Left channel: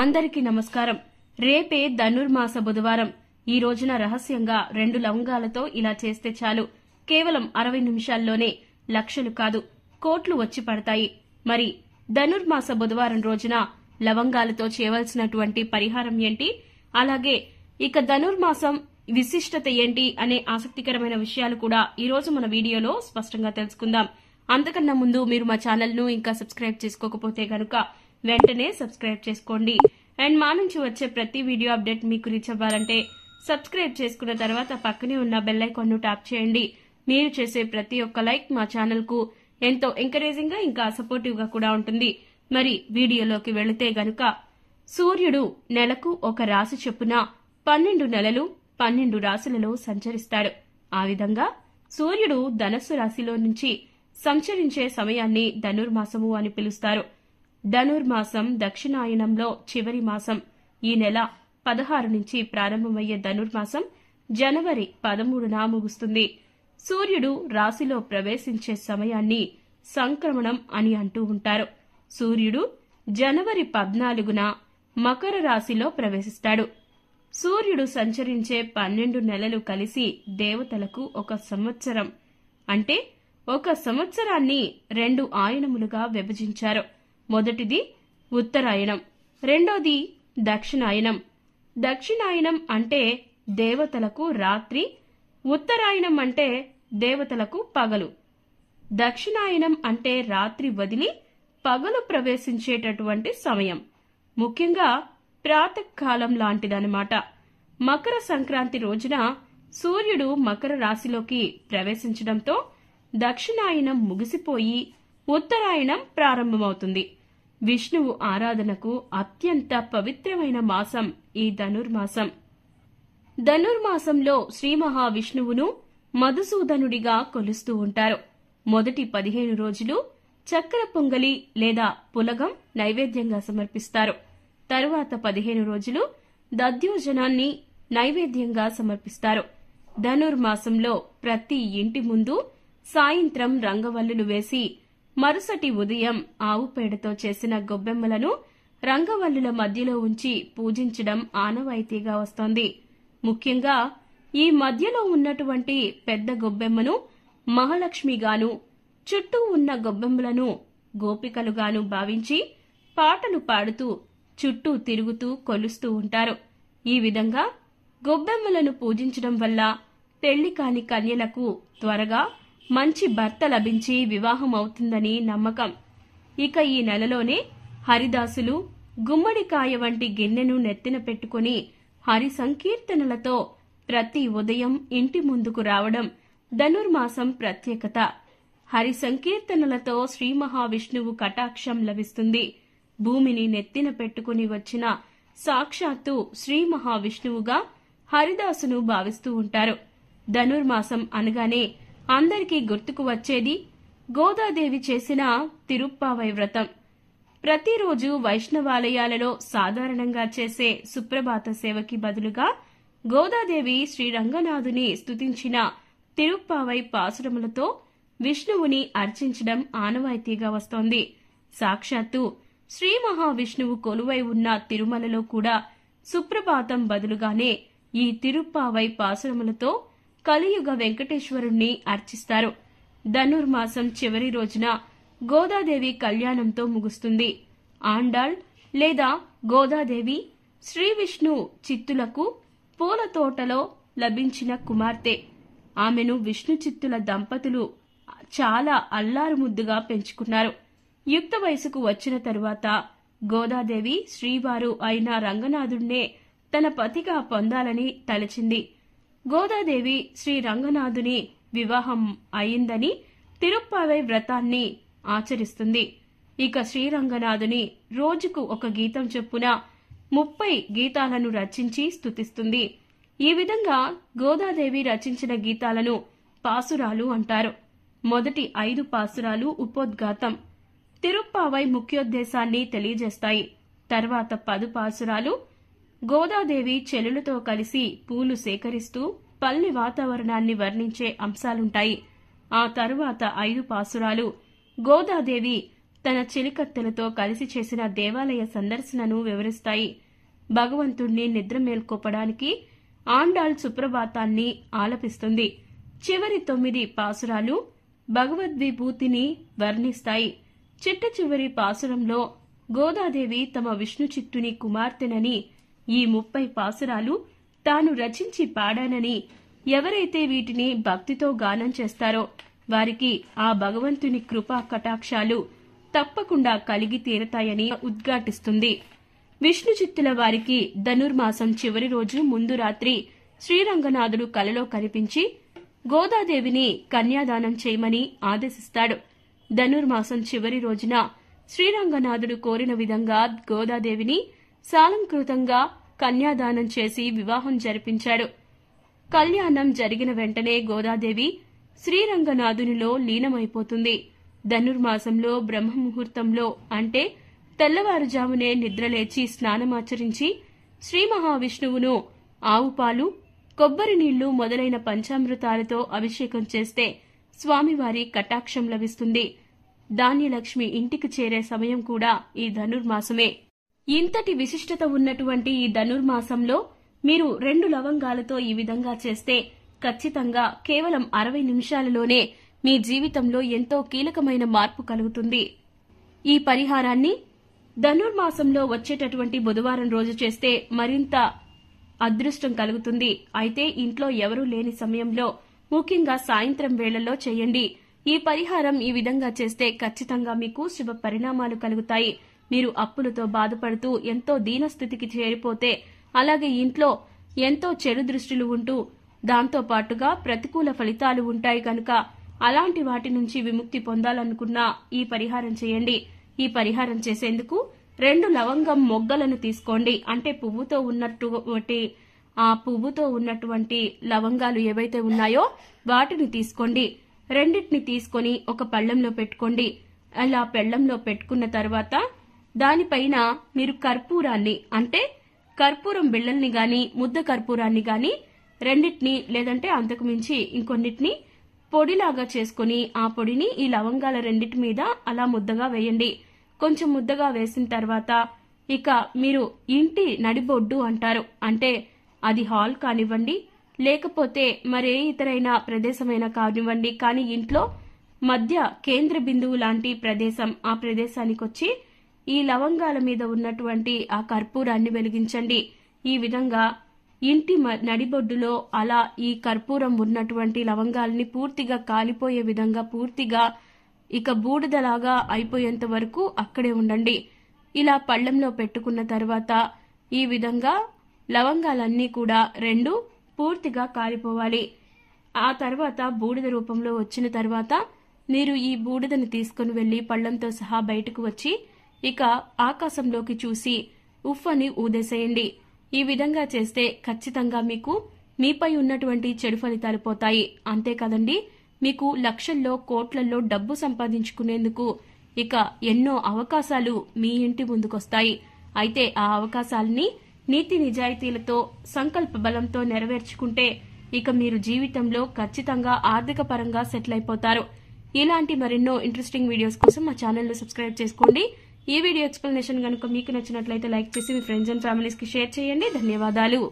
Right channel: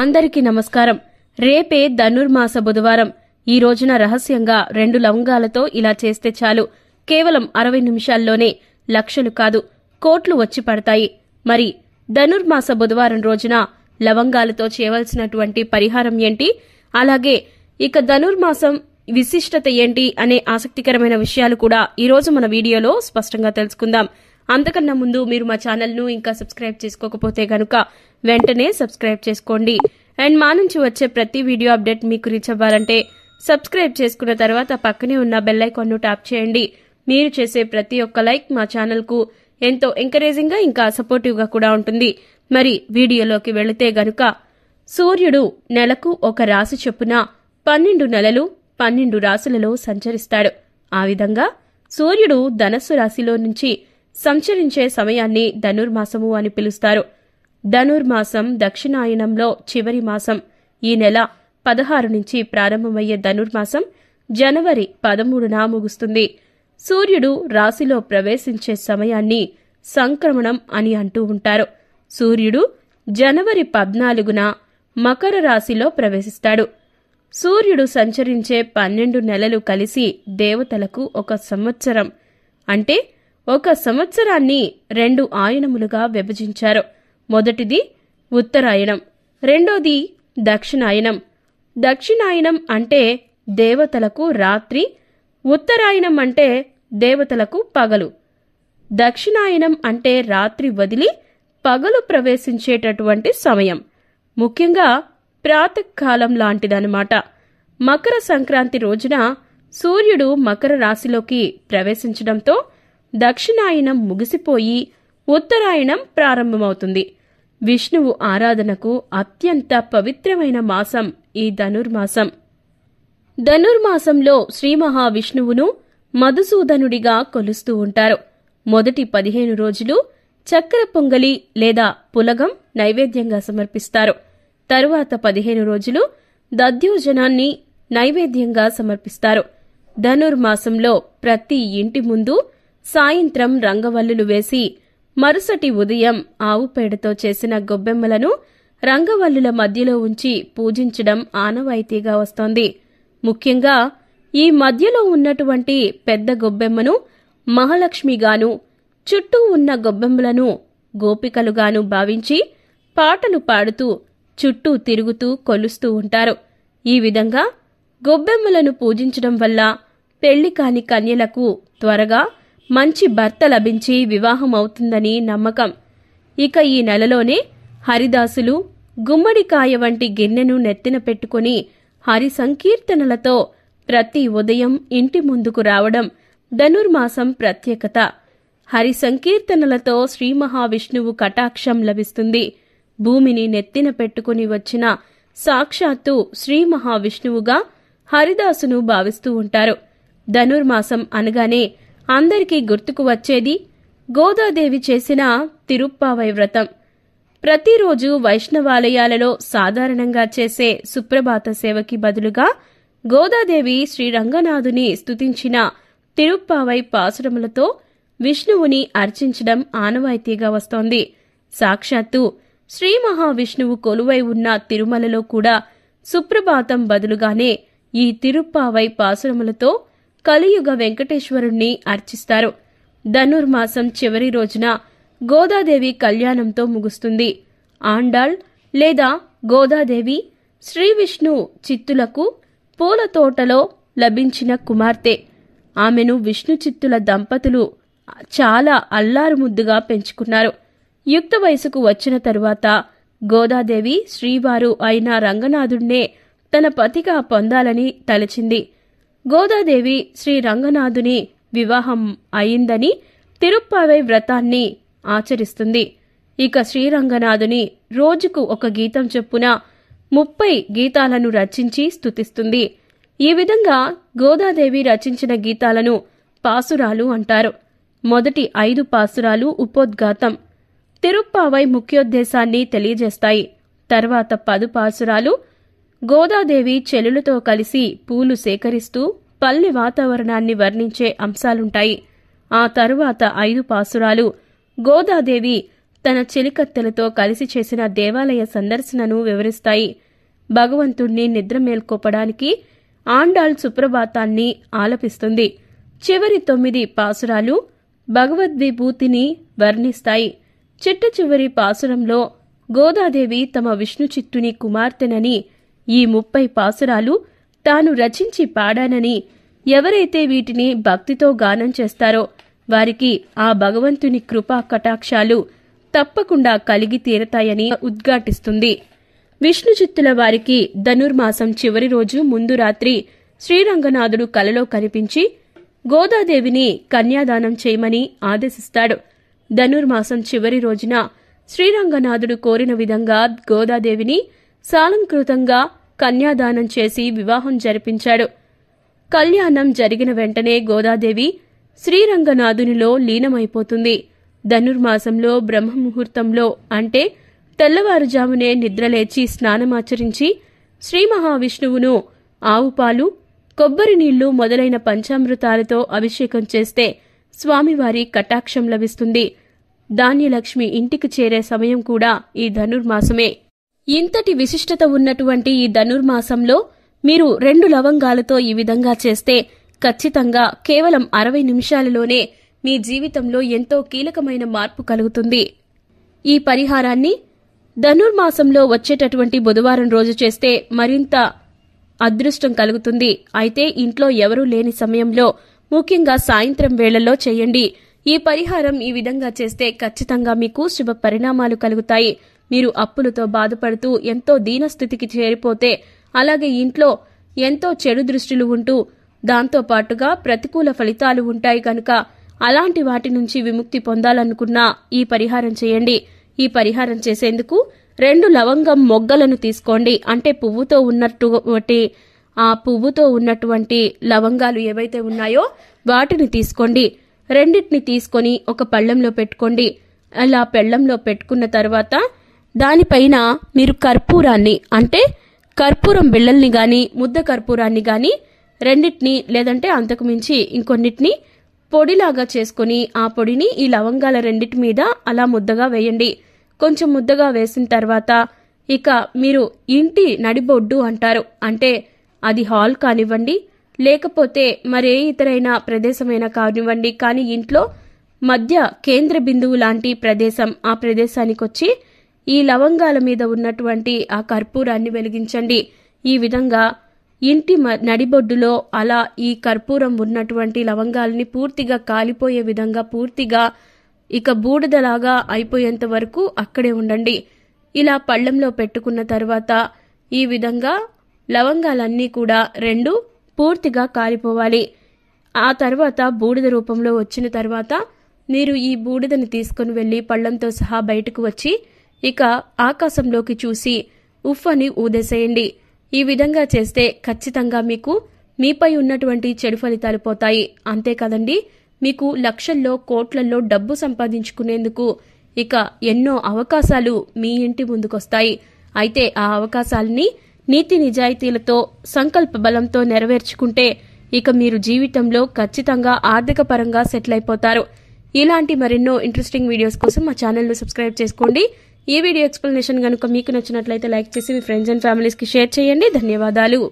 అందరికీ నమస్కారం. రేపే ధనుర్మాస బుధవారం. ఈ రోజున రహస్యంగా 2 లవంగాలతో ఇలా చేస్తే చాలు, కేవలం 60 నిమిషాల్లోనే లక్షలు కాదు కోట్లు వచ్చి పడతాయి. మరి ధనుర్మాస బుధవారం రోజున లవంగాలతో చేయవలసినటువంటి పరిహారం ఏంటి, అలాగే ఇక ధనుర్మాసం విశిష్టత ఏంటి అనే ఆసక్తికరమైన విషయాలు కూడా ఈ రోజు మన వీడియోలో స్పష్టంగా తెలుసుకుందాం. అంతకన్నా ముందు మీరు మా ఛానల్ను ఇంకా సబ్స్క్రైబ్ చేసుకోకపోతే గనుక వెంటనే సబ్స్క్రైబ్ చేసుకోండి. అండ్ మా నుంచి వచ్చే ప్రతి వీడియో అప్డేట్ మీకు రీచ్ అవ్వాలంటే సబ్స్క్రైబ్ చేసుకున్న తర్వాత పక్కనే ఉన్న బెల్ ఐకాన్ను ట్యాప్ చేయండి. మీరు చేసే ప్రతి ఒక్క లైక్ మా ఛానల్కు ఎంతో ఎంకరేజింగ్ గా ఇంకా సపోర్టివ్ గా కూడా ఉంటుంది. మరి వీడియోలోకి వెళితే గనుక, సూర్యుడు నెలకు ఒక రాశి చొప్పున 12 నెలలు 12 రాశులలో సంచరిస్తాడు. ఆ విధంగా సూర్యుడు ధనస్సు రాశిలో నుంచి సంచరించే సమయాన్ని ధనుర్మాసము అని పిలుస్తారు. ధనుర్మాసం దక్షిణాయనంలో చివరి మాసం. ఈ నెల 16 నుంచి ప్రారంభమయ్యే ధనుర్మాసం జనవరి 13న ముగుస్తుంది. సూర్యుడు రాశిలో ప్రవేశించే సమయాన్ని సంక్రమణం అని అంటూ ఉంటారు. సూర్యుడు జనవరి 14న మకర రాశిలో ప్రవేశిస్తాడు. సూర్యుడు సంచరించే 12 నెలలు కలిసి దేవతలకు ఒక సంవత్సరం, అంటే ఒక సంవత్సరాన్ని 2 ఆయనములుగా విభజించారు. మొదటిది ఉత్తరాయణం, రెండోది దక్షిణాయనం. దక్షిణాయనం అంటే దేవతలకు రాత్రి, ఉత్తరాయణం అంటే దేవతలకు పగలు. దక్షిణాయనం అంటే రాత్రి వదిలి పగలు ప్రవేశించేటటువంటి సమయం, ముఖ్యంగా ప్రాతకాలం లాంటిదన్నమాట. మకర సంక్రాంతి రోజున సూర్యుడు మకర రాశిలోకి ప్రవేశించడంతో దక్షిణాయనం ముగిసిపోయి ఉత్తరాయణం ప్రారంభమవుతుంది. విష్ణువు ఆరాధనకు అత్యంత పవిత్రమైన మాసం ఈ ధనుర్మాసం. ధనుర్మాసంలో శ్రీ మహావిష్ణువును మధుసూదనుడిగా కొలుస్తూ ఉంటారు. మొదటి 15 రోజులు చక్కెర పొంగలి లేదా పులగం నైవేద్యంగా సమర్పిస్తారు. తరువాత 15 రోజులు దధ్యోజనాన్ని నైవేద్యంగా సమర్పిస్తారు. ధనుర్మాసంలో ప్రతి ఇంటి ముందు సాయంత్రం రంగవల్లులు వేసి మరుసటి ఉదయం ఆవు పేడతో చేసిన గొబ్బెమ్మలను రంగవల్లుల మధ్యలో ఉంచి పూజించడం ఆనవాయితీగా వస్తోంది. ముఖ్యంగా ఈ మధ్యలో ఉన్నటువంటి పెద్ద గొబ్బెమ్మను మహాలక్ష్మిగాను, చుట్టూ ఉన్న గొబ్బెమ్మలను గోపికలుగాను భావించి పాటలు పాడుతూ చుట్టూ తిరుగుతూ కొలుస్తూ ఉంటారు. ఈ విధంగా గొబ్బెమ్మలను పూజించడం వల్ల పెళ్లి కాని కన్యలకు త్వరగా మంచి భర్త లభించి వివాహం అవుతుందని నమ్మకం. ఇక ఈ నెలలోనే హరిదాసులు గుమ్మడికాయ వంటి గిన్నెను నెత్తిన పెట్టుకుని హరి సంకీర్తనలతో ప్రతి ఉదయం ఇంటి ముందుకు రావడం ధనుర్మాసం ప్రత్యేకత. హరి సంకీర్తనలతో శ్రీ మహావిష్ణువు కటాక్షం లభిస్తుంది. భూమిని నెత్తిన పెట్టుకుని వచ్చిన సాక్షాత్తు శ్రీ మహావిష్ణువుగా హరిదాసును భావిస్తూ ఉంటారు. ధనుర్మాసం అనగానే అందరికీ గుర్తుకు వచ్చేది గోదాదేవి చేసిన తిరుప్పావై వ్రతం. ప్రతిరోజు వైష్ణవాలయాలలో సాధారణంగా చేసే సుప్రభాత సేవకి బదులుగా గోదాదేవి శ్రీరంగనాథుని స్తుతించిన తిరుప్పావై పాసురములతో విష్ణువుని అర్చించడం ఆనవాయితీగా వస్తోంది. సాక్షాత్తు శ్రీ మహావిష్ణువు కొలువై ఉన్న తిరుమలలో కూడా సుప్రభాతం బదులుగానే ఈ తిరుప్పావై పాసురములతో కలియుగ వెంకటేశ్వరుణ్ణి అర్చిస్తారు. ధనుర్మాసం చివరి రోజున గోదాదేవి కళ్యాణంతో ముగుస్తుంది. ఆండాళ్ లేదా గోదాదేవి శ్రీ విష్ణు చిత్తులకు పూల తోటలో లభించిన కుమార్తె. ఆమెను విష్ణు చిత్తుల దంపతులు చాలా అల్లారుముద్దుగా పెంచుకున్నారు. యుక్త వయసుకు వచ్చిన తరువాత గోదాదేవి శ్రీవారు అయిన రంగనాథుణ్ణే తన పతిగా పొందాలని తలచింది. గోదాదేవి శ్రీ రంగనాథుని వివాహం అయిందని తిరుప్పావై వ్రతాన్ని ఆచరిస్తుంది. ఇక శ్రీరంగనాథుని రోజుకు ఒక గీతం చొప్పున 30 గీతాలను రచించి స్తుతిస్తుంది. ఈ విధంగా గోదాదేవి రచించిన గీతాలను పాసురాలు అంటారు. మొదటి 5 పాసురాలు ఉపోద్ఘాతం, తిరుప్పావై ముఖ్యోద్దేశాన్ని తెలియజేస్తాయి. తర్వాత 10 పాసురాలు గోదాదేవి చెలులతో కలిసి పూలు సేకరిస్తూ పల్లె వాతావరణాన్ని వర్ణించే అంశాలుంటాయి. ఆ తరువాత 5 పాసురాలు గోదాదేవి తన చెలికత్తెలతో కలిసి చేసిన దేవాలయ సందర్శనను వివరిస్తాయి. భగవంతుణ్ణి నిద్ర మేల్కోపడానికి ఆండాళ్ సుప్రభాతాన్ని ఆలపిస్తుంది. చివరి 9 పాసురాలు భగవద్విభూతిని వర్ణిస్తాయి. చిట్ట చివరి పాసురంలో గోదాదేవి తమ విష్ణుచిత్తుని కుమార్తెనని, ఈ 30 పాసురాలు తాను రచించి పాడానని, ఎవరైతే వీటిని భక్తితో గానం చేస్తారో వారికి ఆ భగవంతుని కృపా కటాక్షాలు తప్పకుండా కలిగి తీరతాయని ఉద్ఘాటిస్తుంది. విష్ణుచిత్తుల వారికి ధనుర్మాసం చివరి రోజు ముందు రాత్రి శ్రీరంగనాథుడు కలలో కనిపించి గోదాదేవిని కన్యాదానం చేయమని ఆదేశిస్తాడు. ధనుర్మాసం చివరి రోజున శ్రీరంగనాథుడు కోరిన విధంగా గోదాదేవిని సాలంకృతంగా కన్యాదానం చేసి వివాహం జరిపించాడు. కళ్యాణం జరిగిన వెంటనే గోదాదేవి శ్రీరంగనాథునిలో లీనమైపోతుంది. ధనుర్మాసంలో బ్రహ్మముహూర్తంలో అంటే తెల్లవారుజామునే నిద్రలేచి స్నానమాచరించి శ్రీ మహావిష్ణువును ఆవుపాలు, కొబ్బరి నీళ్లు మొదలైన పంచామృతాలతో అభిషేకం చేస్తే స్వామివారి కటాక్షం లభిస్తుంది. ధాన్యలక్ష్మి ఇంటికి చేరే సమయం కూడా ఈ ధనుర్మాసమే. ఇంతటి విశిష్టత ఉన్నటువంటి ఈ ధనుర్మాసంలో మీరు 2 లవంగాలతో ఈ విధంగా చేస్తే ఖచ్చితంగా కేవలం 60 నిమిషాలలోనే మీ జీవితంలో ఎంతో కీలకమైన మార్పు కలుగుతుంది. ఈ పరిహారాన్ని ధనుర్మాసంలో వచ్చేటటువంటి బుధవారం రోజు చేస్తే మరింత అదృష్టం కలుగుతుంది. అయితే ఇంట్లో ఎవరూ లేని సమయంలో, ముఖ్యంగా సాయంత్రం వేళల్లో చేయండి. ఈ పరిహారం ఈ విధంగా చేస్తే ఖచ్చితంగా మీకు శుభ పరిణామాలు కలుగుతాయి. మీరు అప్పులతో బాధపడుతూ ఎంతో దీనస్థితికి చేరిపోతే, అలాగే ఇంట్లో ఎంతో చెడు దృష్టిలు ఉంటూ దాంతో పాటుగా ప్రతికూల ఫలితాలు ఉంటాయి కనుక అలాంటి వాటి నుంచి విముక్తి పొందాలనుకున్నా ఈ పరిహారం చేయండి. ఈ పరిహారం చేసేందుకు 2 లవంగం మొగ్గలను తీసుకోండి. అంటే పువ్వుతో ఉన్నటువంటి లవంగాలు ఏవైతే ఉన్నాయో వాటిని తీసుకోండి. 2టిని తీసుకొని ఒక పళ్ళెంలో పెట్టుకోండి. అలా పళ్ళెంలో పెట్టుకున్న తర్వాత దానిపైన మీరు కర్పూరాన్ని, అంటే కర్పూరం బిళ్ళల్ని గాని ముద్ద కర్పూరాన్ని గాని 2టిని లేదంటే అంతకు మించి ఇంకొన్నిటిని పొడిలాగా చేసుకుని ఆ పొడిని ఈ లవంగాల 2టి మీద అలా ముద్దగా వేయండి. కొంచెం ముద్దగా వేసిన తర్వాత ఇక మీరు ఇంటి నడిబొడ్డు అంటారు, అంటే అది హాల్ కానివ్వండి, లేకపోతే మరే ఇతరైన ప్రదేశమైనా కానివ్వండి, కానీ ఇంట్లో మధ్య కేంద్ర బిందువు లాంటి ప్రదేశం, ఆ ప్రదేశానికొచ్చి ఈ లవంగాల మీద ఉన్నటువంటి ఆ కర్పూరాన్ని వెలిగించండి. ఈ విధంగా ఇంటి నడిబొడ్డులో అలా ఈ కర్పూరం ఉన్నటువంటి లవంగాలని పూర్తిగా కాలిపోయే విధంగా, పూర్తిగా ఇక బూడిదలాగా అయిపోయేంత వరకు అక్కడే ఉండండి. ఇలా పళ్ళెంలో పెట్టుకున్న తర్వాత ఈ విధంగా లవంగాలన్నీ కూడా 2 పూర్తిగా కాలిపోవాలి. ఆ తర్వాత బూడిద రూపంలో వచ్చిన తర్వాత మీరు ఈ బూడిదని తీసుకుని వెళ్లి పళ్ళెంతో సహా బయటకు వచ్చి ఇక ఆకాశంలోకి చూసి ఉఫ్ అని ఊదేసేయండి. ఈ విధంగా చేస్తే ఖచ్చితంగా మీకు మీపై ఉన్నటువంటి చెడు ఫలితాలు పోతాయి. అంతేకాదండి, మీకు లక్షల్లో కోట్లలో డబ్బు సంపాదించుకునేందుకు ఇక ఎన్నో అవకాశాలు మీ ఇంటి ముందుకొస్తాయి. అయితే ఆ అవకాశాలని నీతి నిజాయితీలతో, సంకల్ప బలంతో నెరవేర్చుకుంటే ఇక మీరు జీవితంలో ఖచ్చితంగా ఆర్థిక పరంగా సెటిల్ అయిపోతారు. ఇలాంటి మరెన్నో ఇంట్రెస్టింగ్ వీడియోస్ కోసం మా ఛానల్ను సబ్స్క్రైబ్ చేసుకోండి. ఈ వీడియో ఎక్స్ప్లెనేషన్ కనుక మీకు నచ్చినట్లయితే లైక్ చేసి మీ ఫ్రెండ్స్ అండ్ ఫ్యామిలీస్కి షేర్ చేయండి. ధన్యవాదాలు.